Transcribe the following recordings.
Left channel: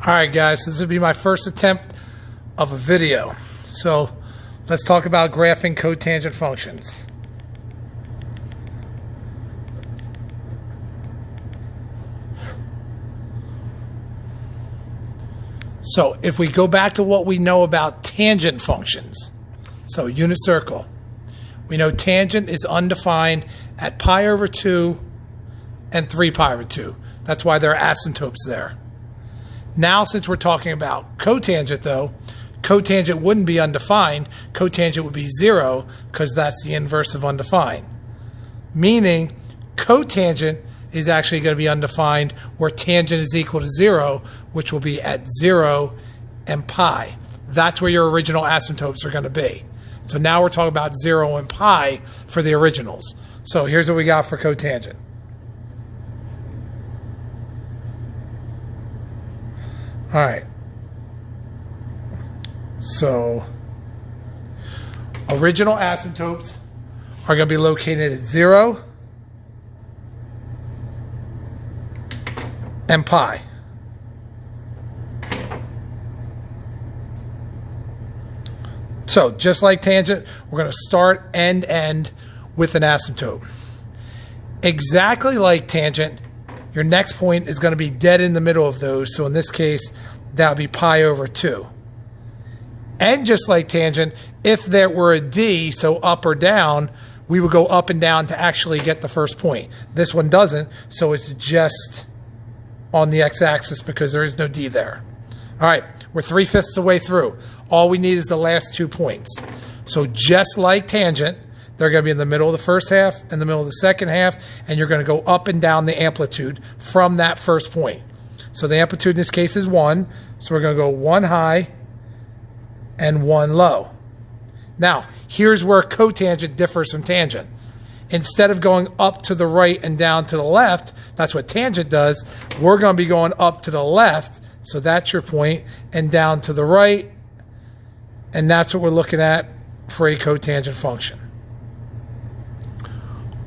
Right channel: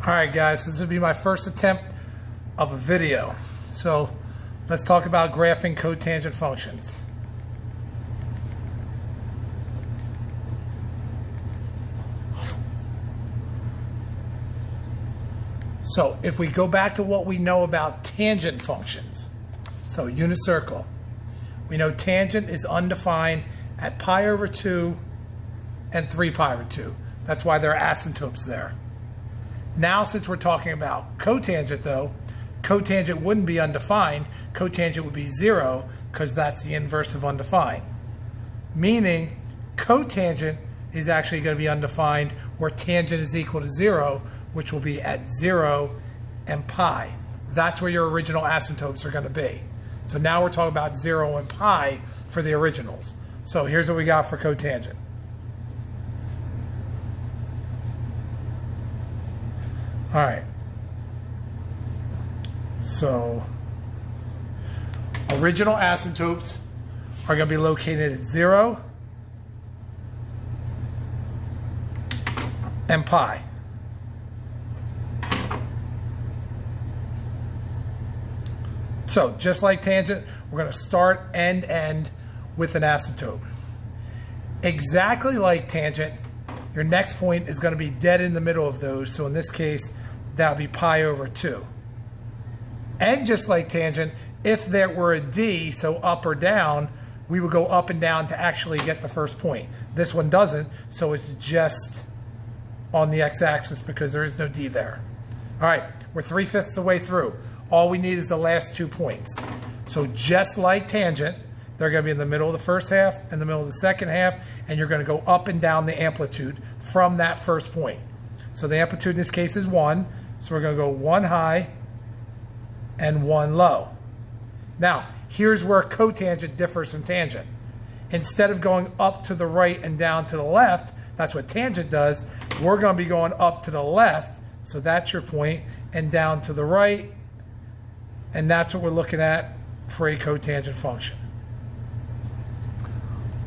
Alright guys, this will be my first attempt of a video. So let's talk about graphing cotangent functions. So if we go back to what we know about tangent functions, so unit circle, we know tangent is undefined at pi over 2 and 3 pi over 2. That's why there are asymptotes there. Now, since we're talking about cotangent, though, cotangent wouldn't be undefined. Cotangent would be 0 because that's the inverse of undefined. Meaning, cotangent is actually going to be undefined where tangent is equal to 0, which will be at 0 and pi. That's where your original asymptotes are going to be. So now we're talking about 0 and pi for the originals. So here's what we got for cotangent. All right, so original asymptotes are going to be located at 0 and pi. So just like tangent, we're going to start and end with an asymptote. Exactly like tangent, your next point is going to be dead in the middle of those. So in this case, that would be pi over 2. And just like tangent, if there were a D, so up or down, we would go up and down to actually get the first point. This one doesn't, so it's just on the x-axis because there is no D there. All right, we're 3/5 of the way through. All we need is the last 2 points. So just like tangent, they're going to be in the middle of the first half and the middle of the second half, and you're going to go up and down the amplitude from that first point. So the amplitude in this case is 1, so we're going to go 1 high and 1 low. Now, here's where cotangent differs from tangent. Instead of going up to the right and down to the left, that's what tangent does, we're going to be going up to the left, so that's your point, and down to the right, and that's what we're looking at for a cotangent function.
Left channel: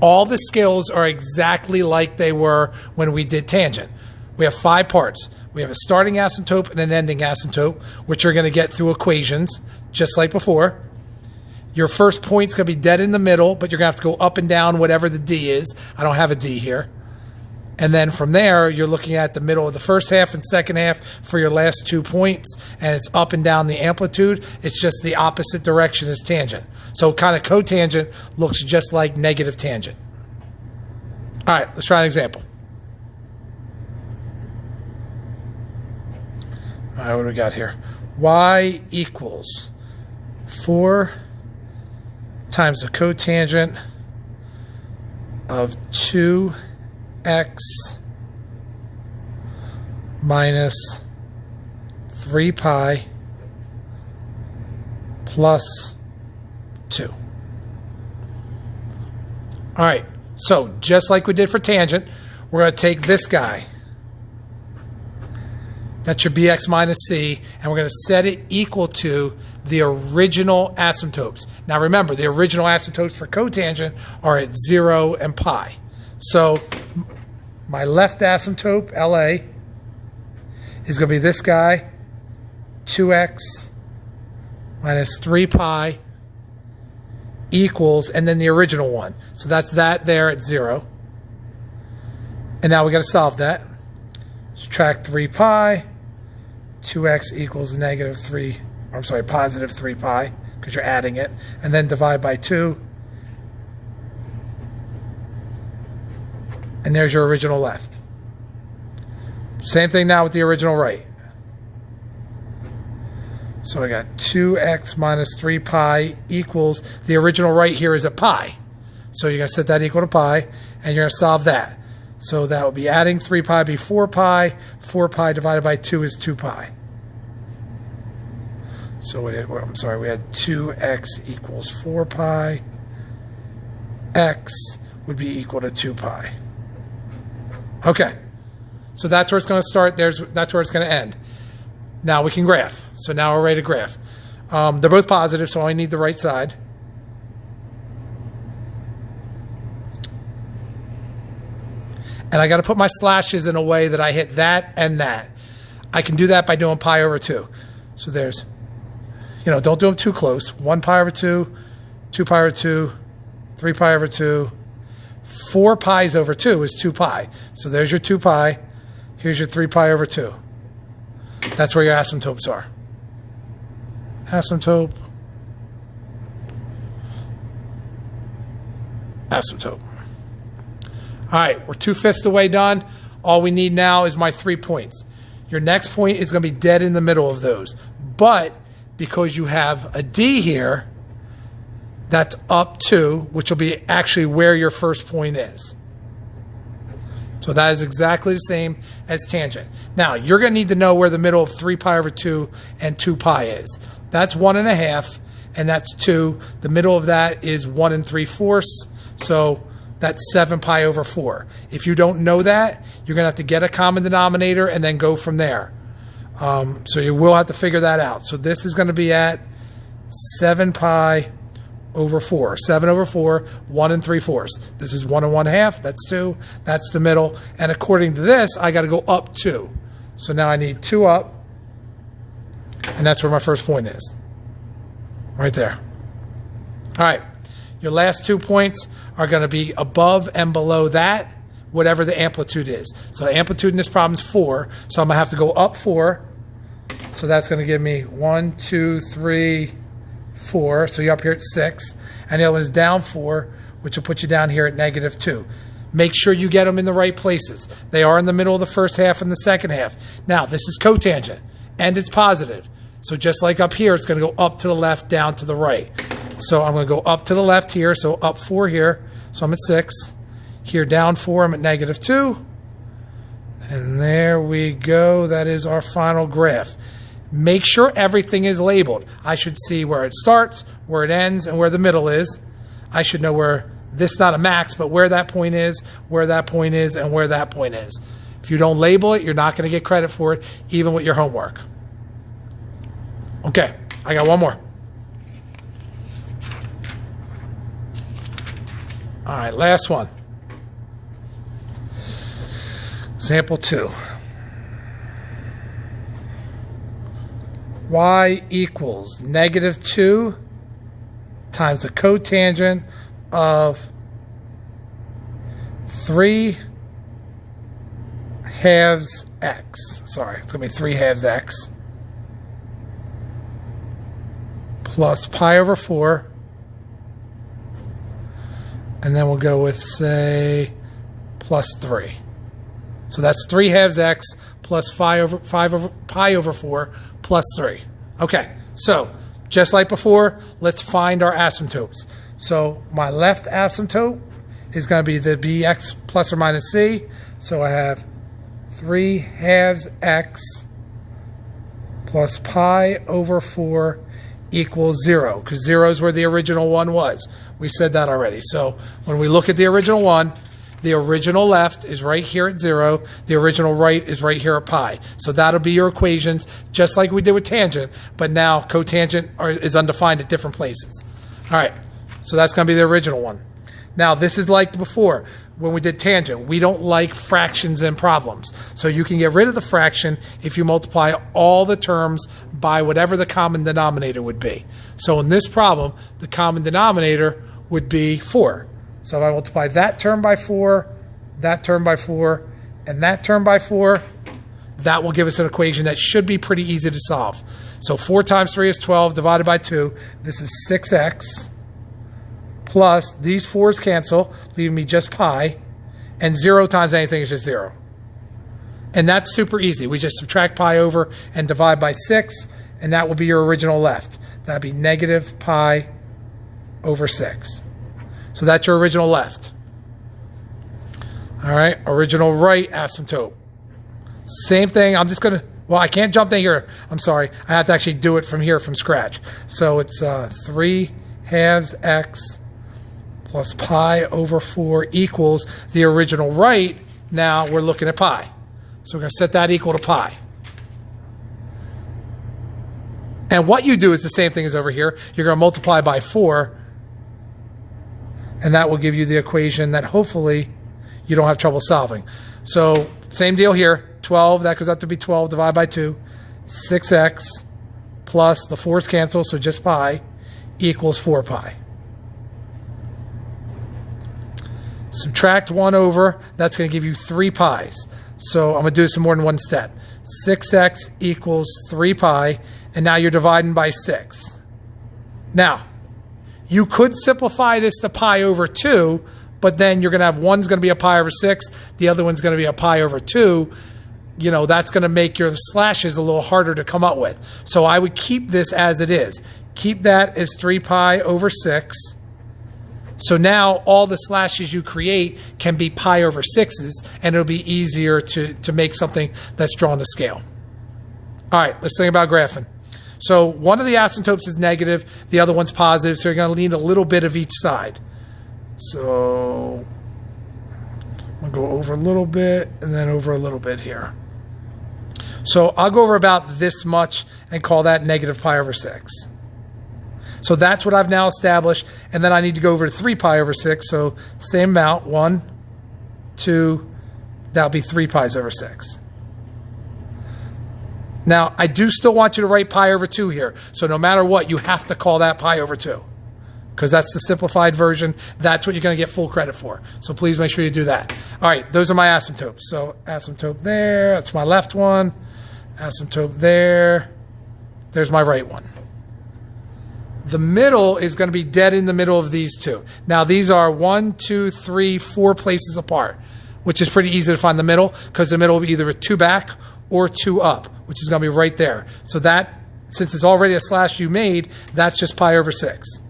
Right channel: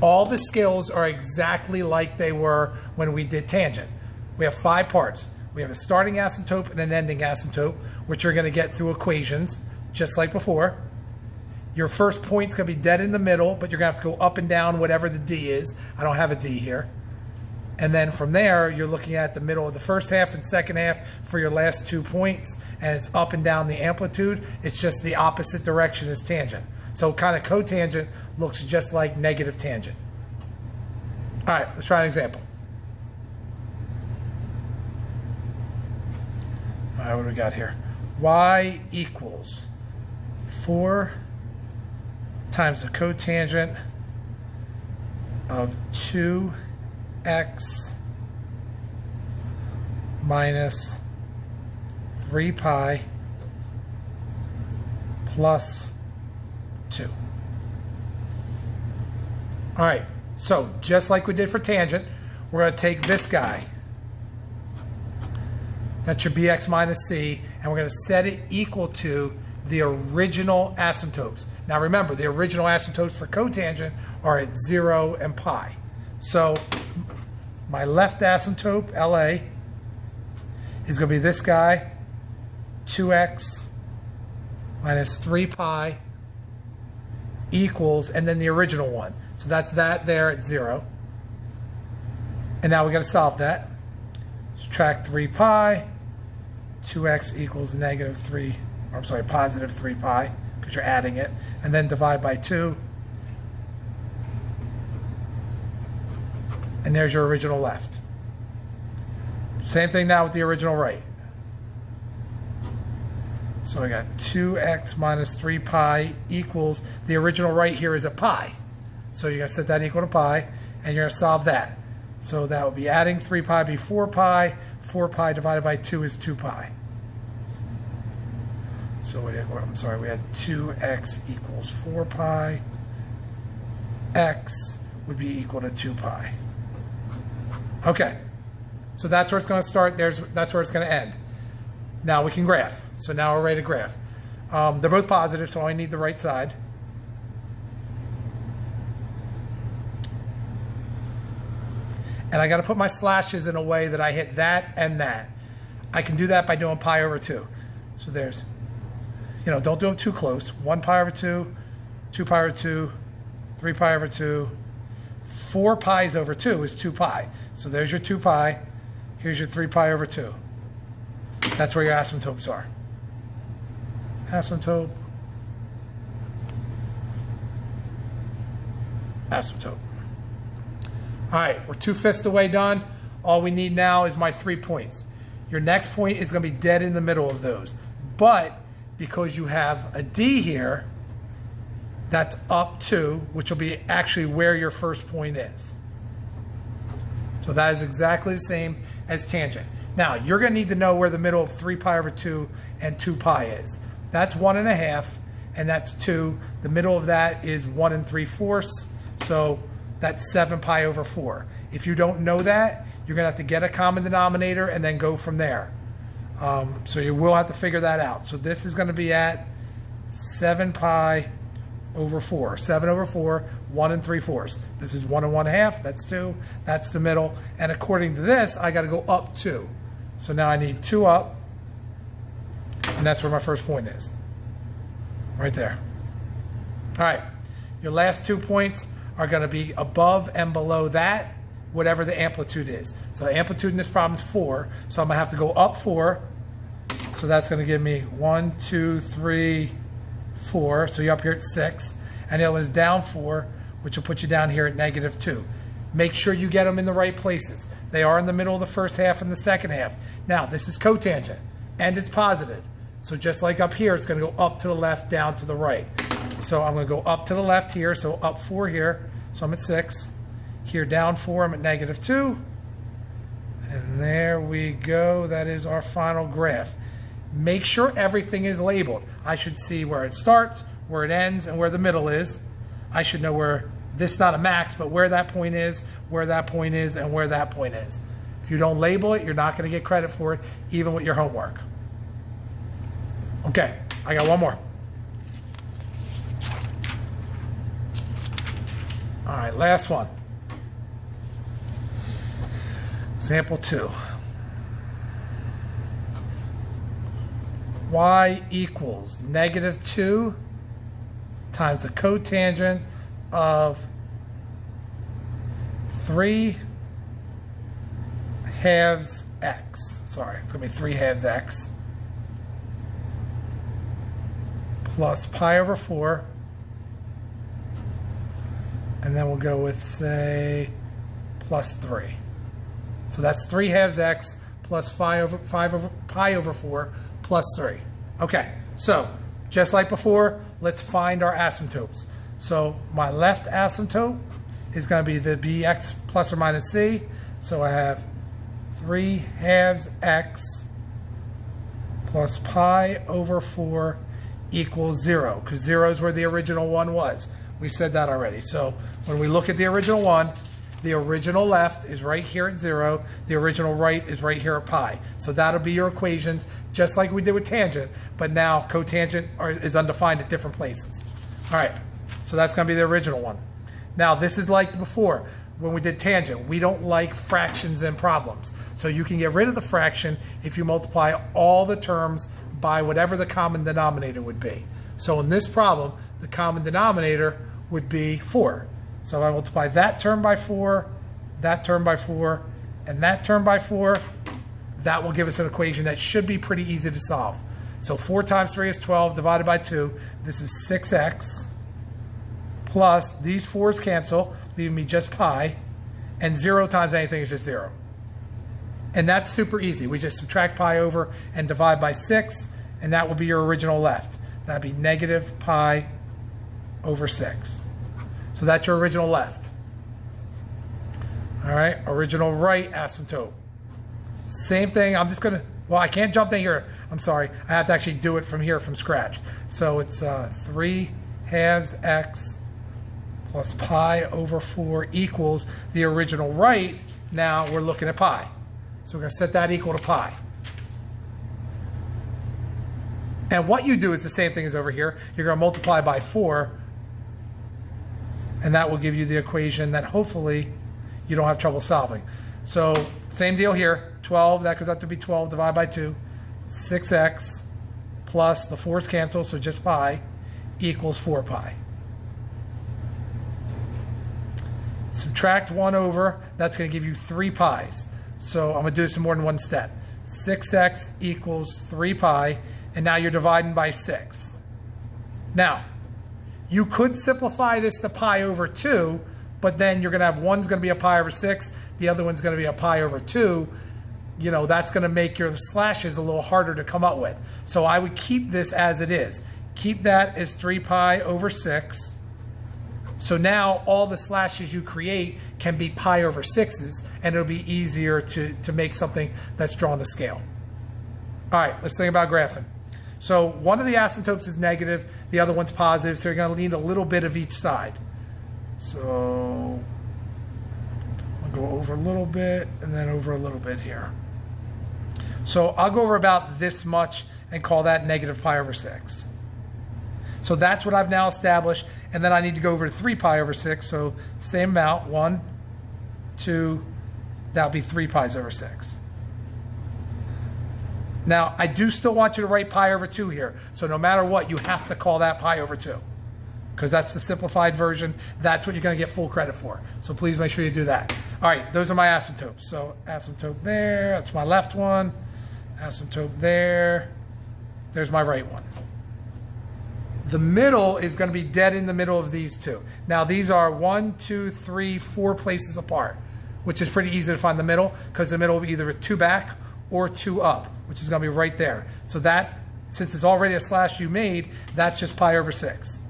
All the skills are exactly like they were when we did tangent. We have 5 parts. We have a starting asymptote and an ending asymptote, which you're going to get through equations, just like before. Your first point's going to be dead in the middle, but you're going to have to go up and down whatever the D is. I don't have a D here. And then from there, you're looking at the middle of the first half and second half for your last 2 points, and it's up and down the amplitude. It's just the opposite direction as tangent. So kind of cotangent looks just like negative tangent. All right, let's try an example. All right, what do we got here? Y equals 4 times the cotangent of 2x minus 3 pi plus 2. All right, so just like we did for tangent, we're going to take this guy. That's your bx minus c, and we're going to set it equal to the original asymptotes. Now remember, the original asymptotes for cotangent are at 0 and pi. So my left asymptote, LA, is going to be this guy, 2x minus 3 pi equals, and then the original one. So that's that there at 0. And now we got to solve that. Subtract 3 pi, 2x equals negative 3, I'm sorry, positive 3 pi, because you're adding it, and then divide by 2. And there's your original left. Same thing now with the original right. So I got 2x minus 3 pi equals, the original right here is a pi. So you're going to set that equal to pi, and you're going to solve that. So that will be adding 3 pi be 4 pi. 4 pi divided by 2 is 2 pi. So I'm sorry, we had 2x equals 4 pi. X would be equal to 2 pi. Okay, so that's where it's going to start. That's where it's going to end. Now we can graph. So now we're ready to graph. They're both positive, so I need the right side. And I got to put my slashes in a way that I hit that and that. I can do that by doing pi over 2. So there's, don't do them too close. 1 pi over 2, 2 pi over 2, 3 pi over 2, 4 pi's over 2 is 2 pi. So there's your 2 pi. Here's your 3 pi over 2. That's where your asymptotes are. Asymptote. Asymptote. All right, we're 2/5 the way done. All we need now is my 3 points. Your next point is going to be dead in the middle of those. But because you have a D here, that's up 2, which will be actually where your first point is. So that is exactly the same as tangent. Now, you're going to need to know where the middle of 3 pi over 2 and 2 pi is. That's 1.5, and that's 2. The middle of that is 1 3/4. So that's 7 pi over 4. If you don't know that, you're going to have to get a common denominator and then go from there. So you will have to figure that out. So this is going to be at 7 pi over 4. 7 over 4, 1 3/4. This is 1 1/2. That's 2. That's the middle. And according to this, I got to go up 2. So now I need 2 up. And that's where my first point is. Right there. All right. Your last 2 points are going to be above and below that, whatever the amplitude is. So the amplitude in this problem is 4. So I'm going to have to go up 4. So that's going to give me 1, 2, 3, 4. So you're up here at 6. And the other one is down 4, which will put you down here at -2. Make sure you get them in the right places. They are in the middle of the first half and the second half. Now, this is cotangent, and it's positive. So just like up here, it's going to go up to the left, down to the right. So I'm going to go up to the left here, so up 4 here. So I'm at 6. Here, down 4, I'm at -2. And there we go. That is our final graph. Make sure everything is labeled. I should see where it starts, where it ends, and where the middle is. I should know where this is not a max, but where that point is, where that point is, and where that point is. If you don't label it, you're not going to get credit for it, even with your homework. Okay, I got one more. All right, last one. Example 2. Y equals -2 times the cotangent of 3 halves x. Sorry, it's going to be 3 halves x plus pi over 4. And then we'll go with, say, plus 3. So that's 3 halves x plus pi over 4 plus 3. Okay, so just like before, let's find our asymptotes. So my left asymptote is going to be the bx plus or minus c. So I have 3 halves x plus pi over 4 equals 0, because 0 is where the original one was. We said that already. So when we look at the original one, the original left is right here at 0. The original right is right here at pi. So that'll be your equations, just like we did with tangent, but now cotangent is undefined at different places. All right, so that's going to be the original one. Now, this is like before. When we did tangent, we don't like fractions in problems. So you can get rid of the fraction if you multiply all the terms by whatever the common denominator would be. So in this problem, the common denominator would be 4. So if I multiply that term by 4, that term by 4, and that term by 4, that will give us an equation that should be pretty easy to solve. So 4 times 3 is 12 divided by 2. This is 6x. Plus, these 4's cancel, leaving me just pi, and 0 times anything is just 0. And that's super easy. We just subtract pi over and divide by 6, and that will be your original left. That'd be negative pi over 6. So that's your original left. All right, original right asymptote. Same thing, I'm just gonna, well, I can't jump in here. I'm sorry, I have to actually do it from here from scratch. So it's 3 halves x plus pi over 4 equals the original right. Now we're looking at pi. So we're going to set that equal to pi. And what you do is the same thing as over here. You're going to multiply by 4, and that will give you the equation that hopefully you don't have trouble solving. So same deal here. 12, that goes out to be 12 divided by 2. 6x plus the 4's cancel, so just pi, equals 4 pi. Subtract 1 over, that's going to give you 3 pi's. So I'm going to do this in more than one step. 6x equals 3 pi, and now you're dividing by 6. Now, you could simplify this to pi over 2, but then you're going to have one's going to be a pi over 6, the other one's going to be a pi over 2. You know, that's going to make your slashes a little harder to come up with. So I would keep this as it is. Keep that as 3 pi over 6. So now all the slashes you create can be pi over 6's, and it'll be easier to make something that's drawn to scale. All right, let's think about graphing. So one of the asymptotes is negative, the other one's positive, so you're going to need a little bit of each side. So I'll go over a little bit and then over a little bit here. So I'll go over about this much and call that negative pi over 6. So that's what I've now established, and then I need to go over to 3 pi over 6, so same amount, 1, 2, that'll be 3 pi's over 6. Now, I do still want you to write pi over 2 here, so no matter what, you have to call that pi over 2, because that's the simplified version. That's what you're going to get full credit for, so please make sure you do that. All right, those are my asymptotes. So asymptote there, that's my left one, asymptote there, there's my right one. The middle is going to be dead in the middle of these two. Now these are 1, 2, 3, 4 places apart, which is pretty easy to find the middle, because the middle will be either a 2 back or 2 up, which is going to be right there. So that, since it's already a slash you made, that's just pi over 6.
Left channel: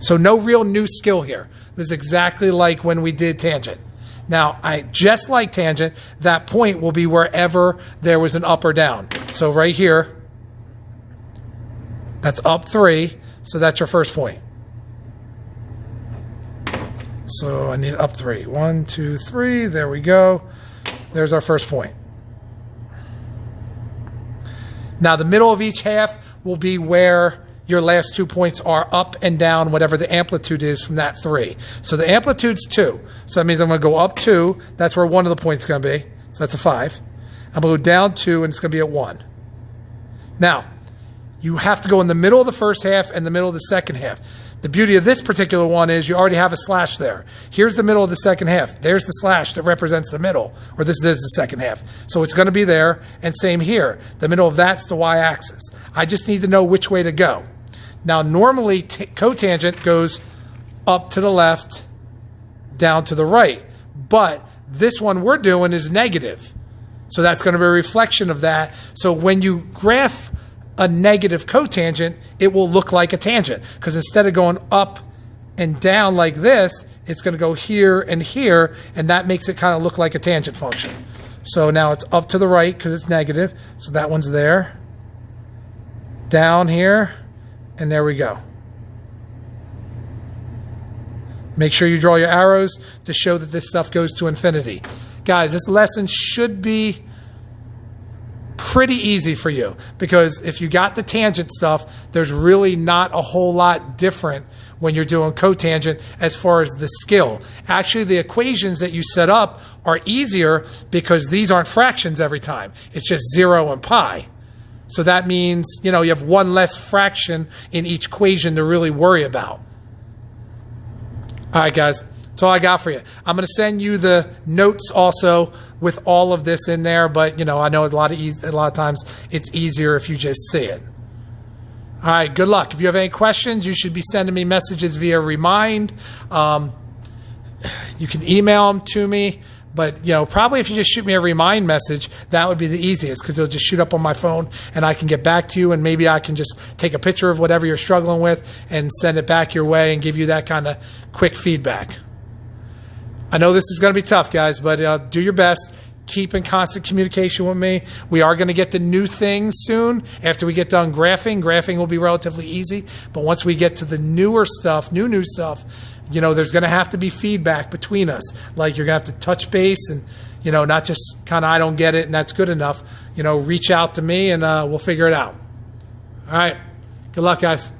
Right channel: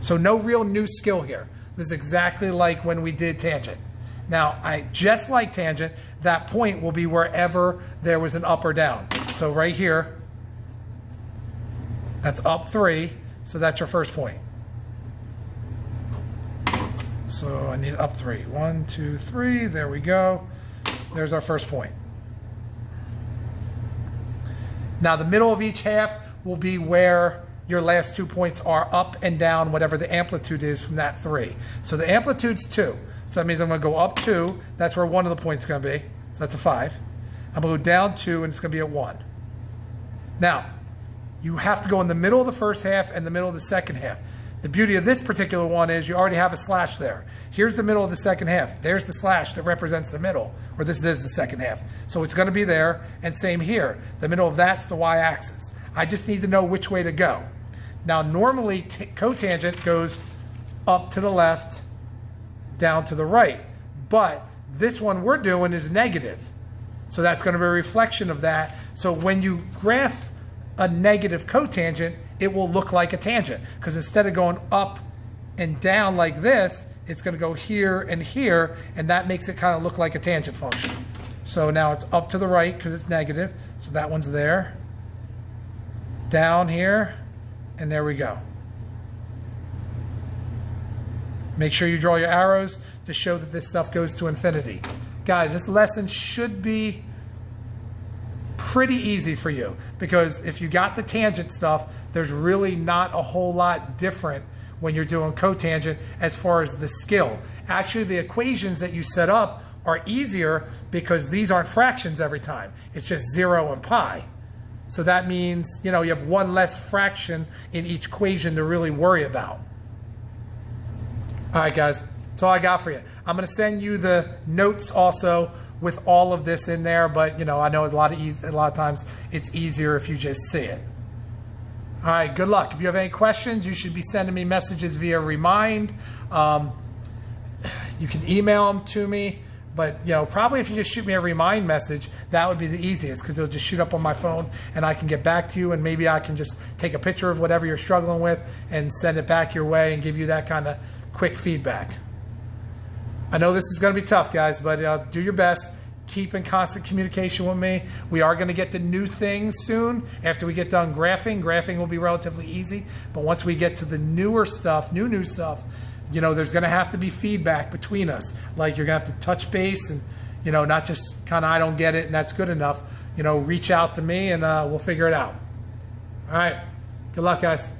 So no real new skill here. This is exactly like when we did tangent. Now, just like tangent, that point will be wherever there was an up or down. So right here, that's up 3, so that's your first point. So I need up 3. 1, 2, 3, there we go. There's our first point. Now the middle of each half will be where your last 2 points are, up and down, whatever the amplitude is from that 3. So the amplitude's 2. So that means I'm going to go up 2. That's where one of the points is going to be. So that's a 5. I'm going to go down 2, and it's going to be at 1. Now, you have to go in the middle of the first half and the middle of the second half. The beauty of this particular one is you already have a slash there. Here's the middle of the second half. There's the slash that represents the middle, or this is the second half. So it's going to be there, and same here. The middle of that's the y-axis. I just need to know which way to go. Now, normally cotangent goes up to the left, down to the right, but this one we're doing is negative. So that's going to be a reflection of that. So when you graph a negative cotangent, it will look like a tangent, because instead of going up and down like this, it's going to go here, and that makes it kind of look like a tangent function. So now it's up to the right because it's negative, so that one's there, down here, and there we go. Make sure you draw your arrows to show that this stuff goes to infinity. Guys, this lesson should be pretty easy for you, because if you got the tangent stuff, there's really not a whole lot different when you're doing cotangent as far as the skill. Actually, the equations that you set up are easier because these aren't fractions every time. It's just 0 and pi. So that means, you know, you have one less fraction in each equation to really worry about. All right, guys, that's all I got for you. I'm going to send you the notes also with all of this in there, but you know, I know a lot of times it's easier if you just see it. All right, good luck. If you have any questions, you should be sending me messages via Remind. You can email them to me, but you know, probably if you just shoot me a Remind message, that would be the easiest, because it'll just shoot up on my phone and I can get back to you, and maybe I can just take a picture of whatever you're struggling with and send it back your way and give you that kind of quick feedback. I know this is going to be tough, guys, but do your best. Keep in constant communication with me. We are going to get to new things soon. After we get done graphing will be relatively easy. But once we get to the newer stuff, new stuff, you know, there's going to have to be feedback between us. Like, you're going to have to touch base and, you know, not just kind of, I don't get it and that's good enough. You know, reach out to me and we'll figure it out. All right. Good luck, guys.